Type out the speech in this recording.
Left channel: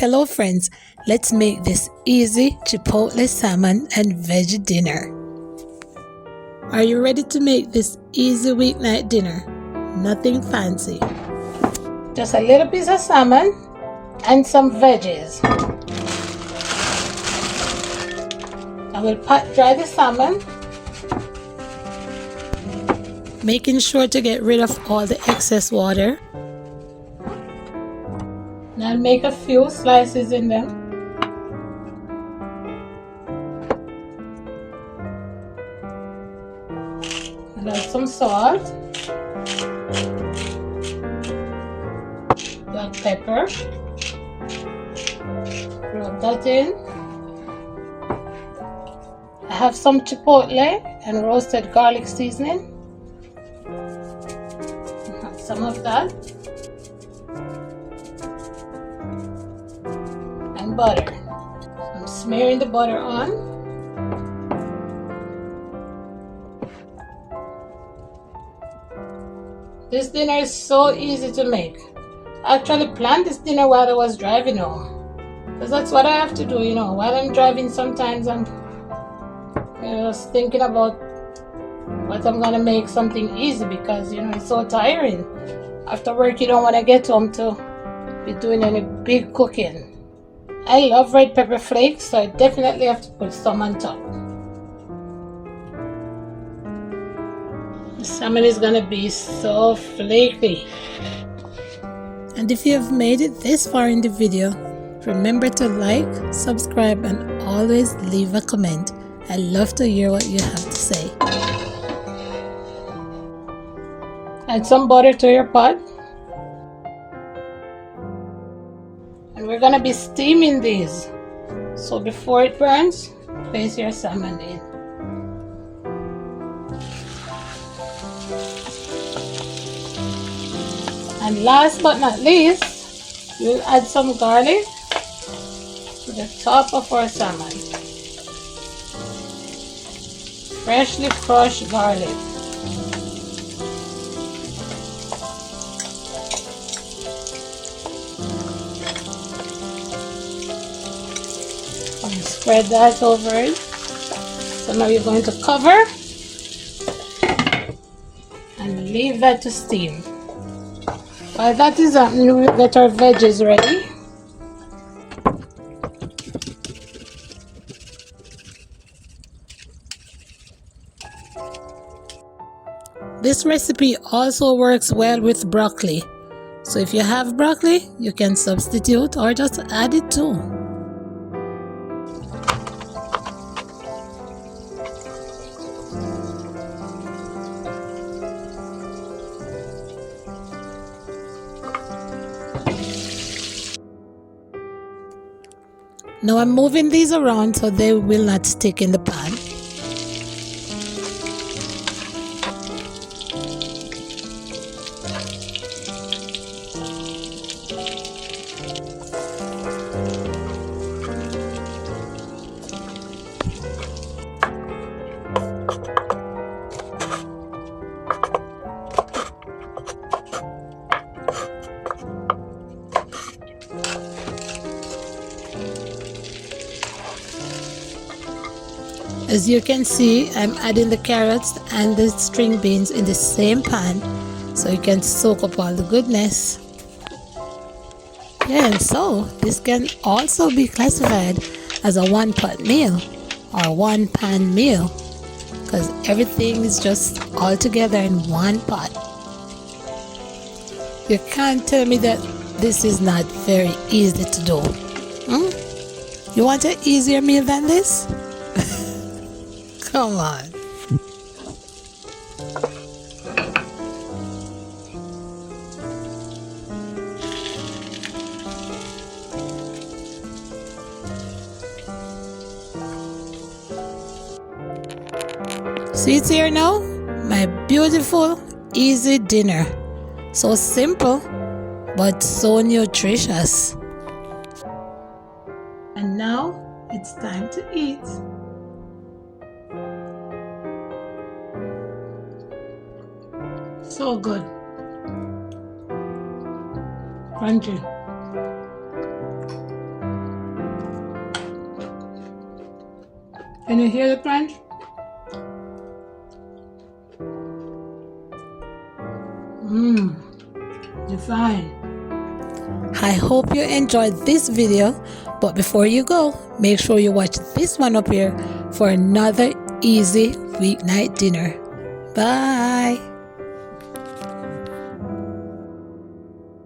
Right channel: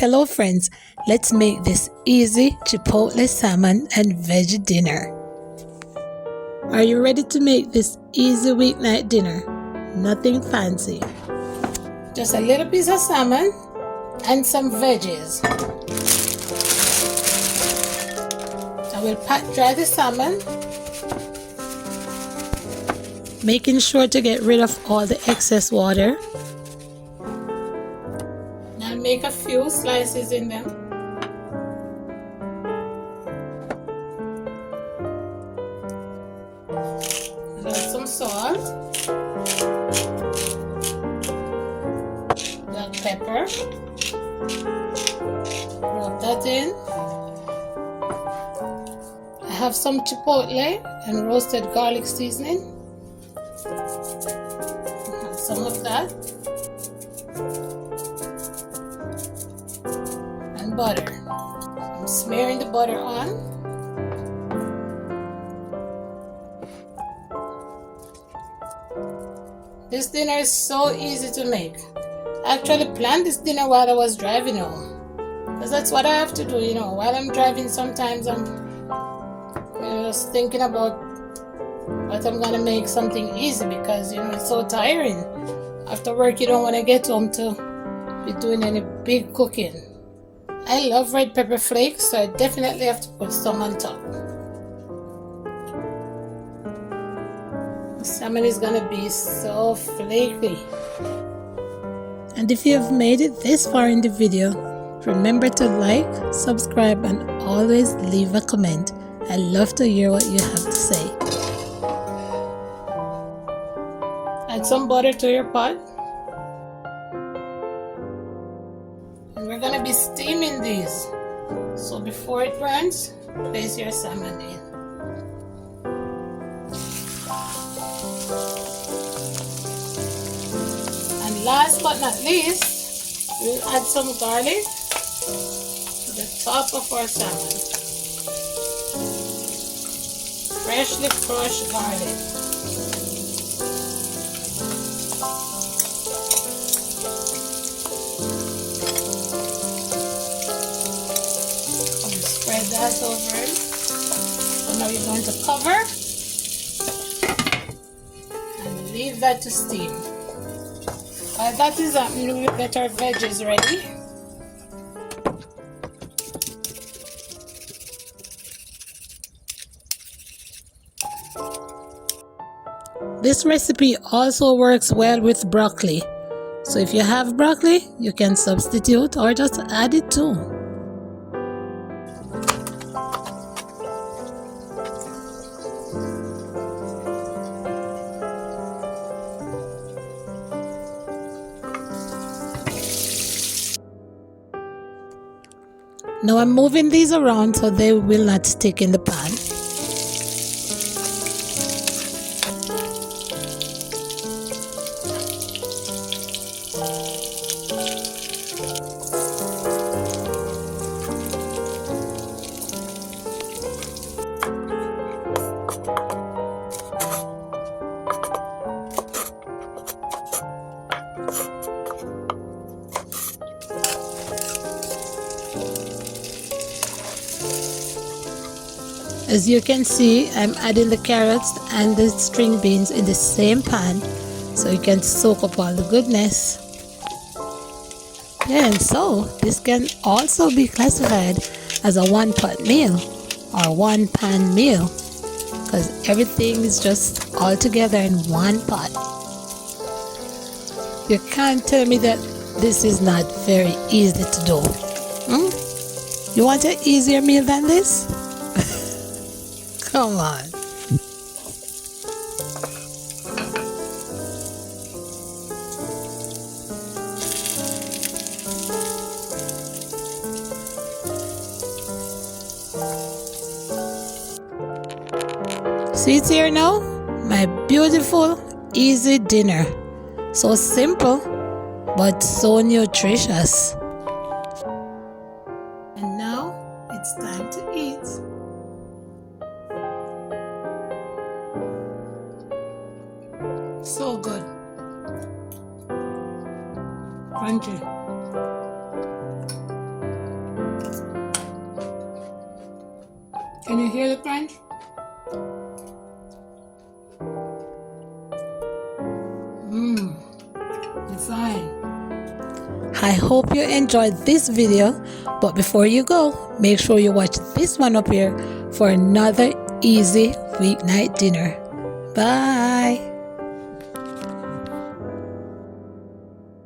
Hello friends, let's make this easy chipotle salmon and veggie dinner. Are you ready to make this easy weeknight dinner? Nothing fancy. Just a little piece of salmon and some veggies. I will pat dry the salmon, making sure to get rid of all the excess water. I'll make a few slices in them. And add some salt, black pepper, rub that in. I have some chipotle and roasted garlic seasoning. Add some of that. And butter. I'm smearing the butter on. This dinner is so easy to make. I actually planned this dinner while I was driving home, because that's what I have to do, while I'm driving. Sometimes I'm just thinking about what I'm gonna make something easy, because it's so tiring. After work you don't want to get home to be doing any big cooking. I love red pepper flakes, so I definitely have to put some on top. The salmon is gonna be so flaky. And if you have made it this far in the video, remember to like, subscribe, and always leave a comment. I love to hear what you have to say. Add some butter to your pot. And we're gonna be steaming these. So before it burns, place your salmon in. And last but not least, we'll add some garlic to the top of our salmon. Freshly crushed garlic. And spread that over it. So now you're going to cover and leave that to steam. While that is happening, we'll get our veggies ready. This recipe also works well with broccoli. So if you have broccoli, you can substitute or just add it too. Now I'm moving these around so they will not stick in the pan. As you can see, I'm adding the carrots and the string beans in the same pan so you can soak up all the goodness. Yeah, and so this can also be classified as a one-pot meal or one-pan meal, because everything is just all together in one pot. You can't tell me that this is not very easy to do. You want an easier meal than this? Come on. See it here now? My beautiful, easy dinner. So simple, but so nutritious. And now it's time to eat. So good. Crunchy. Can you hear the crunch? Fine. I hope you enjoyed this video, but before you go, make sure you watch this one up here for another easy weeknight dinner. Bye.